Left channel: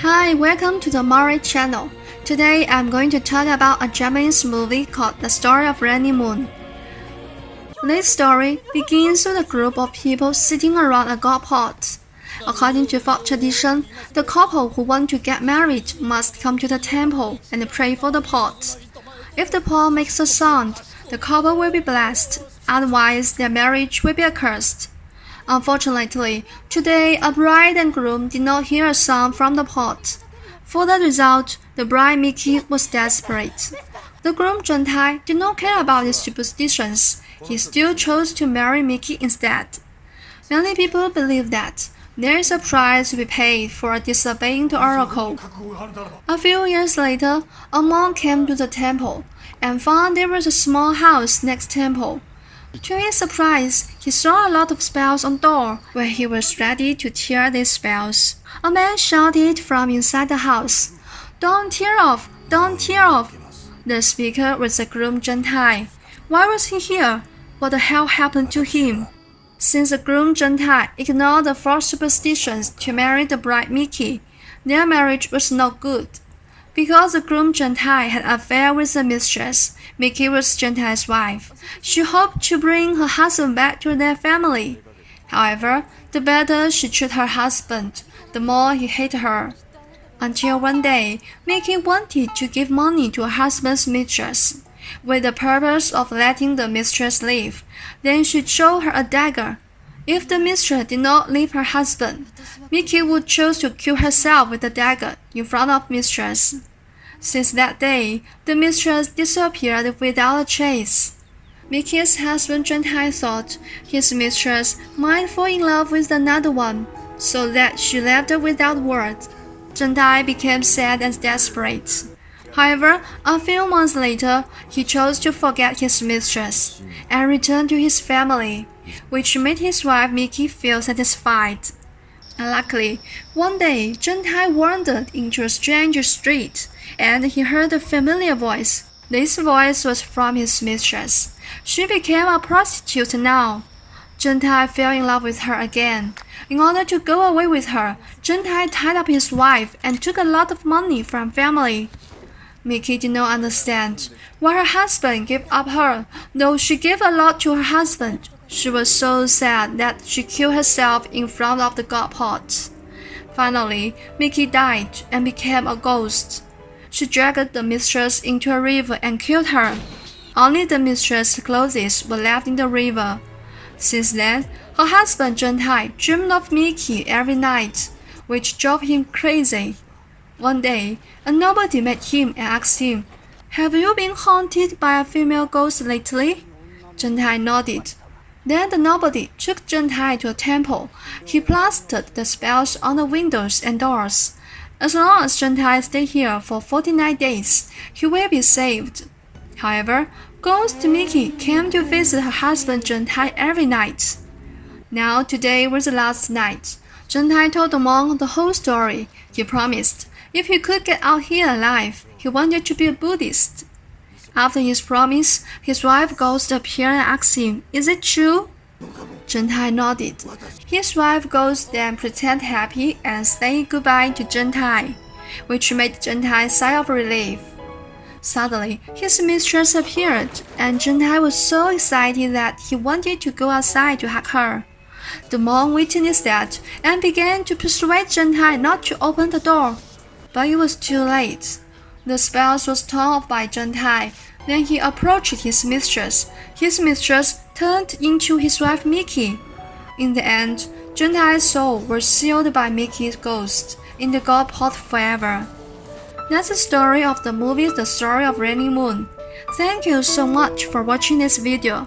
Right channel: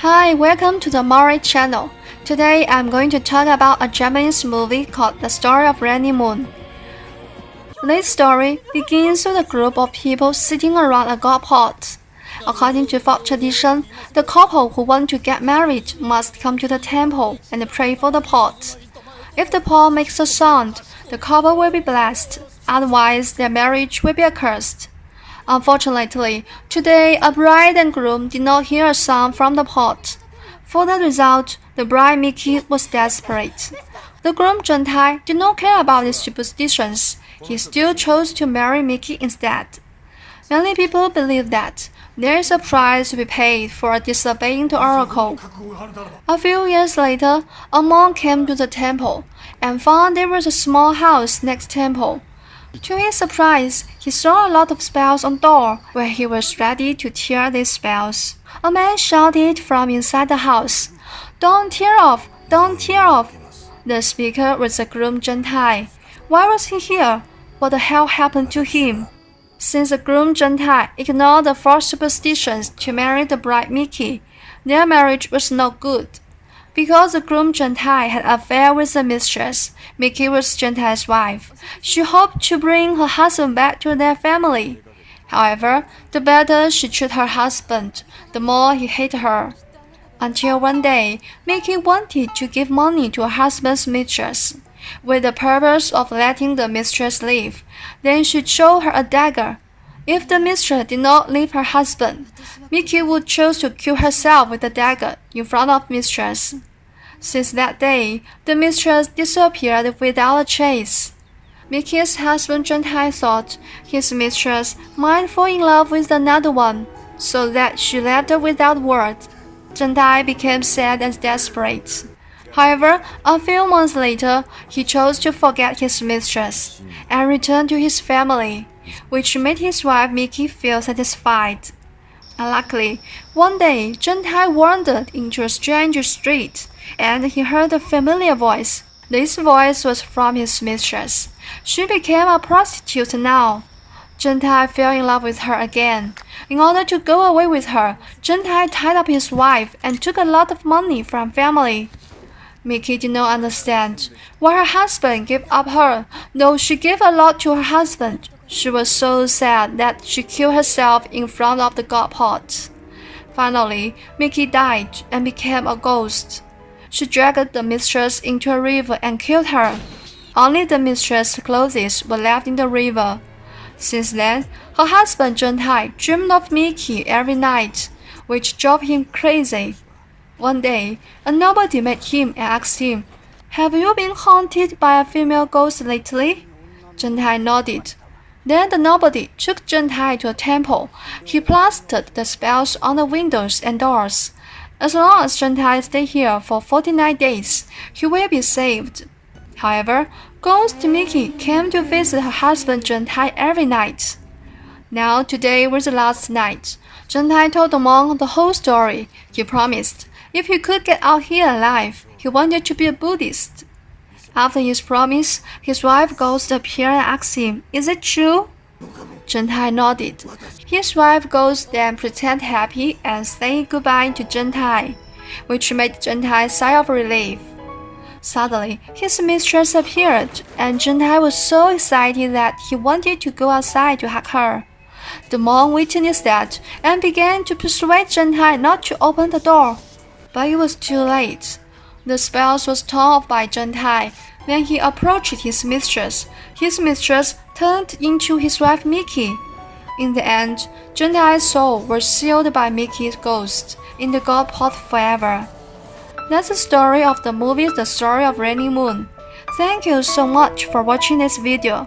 Hi, welcome to the Mari channel. Today I'm going to talk about a Japanese movie called The Story of Rainy Moon. This story begins with a group of people sitting around a god pot. According to folk tradition, the couple who want to get married must come to the temple and pray for the pot. If the pot makes a sound, the couple will be blessed, otherwise their marriage will be accursed. Unfortunately, today a bride and groom did not hear a sound from the pot. For the result, the bride Miki was desperate. The groom Juntai did not care about these superstitions. He still chose to marry Miki instead. Many people believe that there is a price to be paid for disobeying the oracle. A few years later, a monk came to the temple and found there was a small house next temple. To his surprise, he saw a lot of spells on the door. When he was ready to tear these spells, a man shouted from inside the house, "Don't tear off! Don't tear off!" The speaker was the groom Juntai. Why was he here? What the hell happened to him? Since the groom Juntai ignored the false superstitions to marry the bride Miki, their marriage was not good. Because the groom Juntai had an affair with the mistress, Miki was Juntai's wife. She hoped to bring her husband back to their family. However, the better she treated her husband, the more he hated her. Until one day, Miki wanted to give money to her husband's mistress, with the purpose of letting the mistress leave. Then she showed her a dagger. If the mistress did not leave her husband, Miki would choose to kill herself with the dagger in front of mistress. Since that day, the mistress disappeared without a trace. Miki's husband Juntai thought his mistress might fall in love with another one, so that she left without word. Juntai became sad and desperate. However, a few months later, he chose to forget his mistress and return to his family, which made his wife Miki feel satisfied. Unluckily, one day Juntai wandered into a strange street, and he heard a familiar voice. This voice was from his mistress. She became a prostitute now. Juntai fell in love with her again. In order to go away with her, Juntai tied up his wife and took a lot of money from family. Miki did not understand why her husband gave up her, though she gave a lot to her husband. She was so sad that she killed herself in front of the god pot. Finally, Miki died and became a ghost. She dragged the mistress into a river and killed her. Only the mistress' clothes were left in the river. Since then, her husband Juntai dreamed of Miki every night, which drove him crazy. One day, a nobody met him and asked him, "Have you been haunted by a female ghost lately?" Juntai nodded. Then the nobody took Juntai to a temple. He plastered the spells on the windows and doors. As long as Juntai stay here for 49 days, he will be saved. However, Ghost Miki came to visit her husband Juntai every night. Now today was the last night. Juntai told the monk the whole story. He promised, if he could get out here alive, he wanted to be a Buddhist. After his promise, his wife Ghost appeared and asked him, "Is it true?" Juntai nodded. His wife Ghost then pretended happy and said goodbye to Juntai, which made Juntai sigh of relief. Suddenly, his mistress appeared, and Juntai was so excited that he wanted to go outside to hug her. The monk witnessed that and began to persuade Juntai not to open the door. But it was too late. The spells was torn off by Juntai. When he approached his mistress turned into his wife Miki. In the end, Juntai's soul was sealed by Miki's ghost in the god pot forever. That's the story of the movie The Story of Rainy Moon. Thank you so much for watching this video.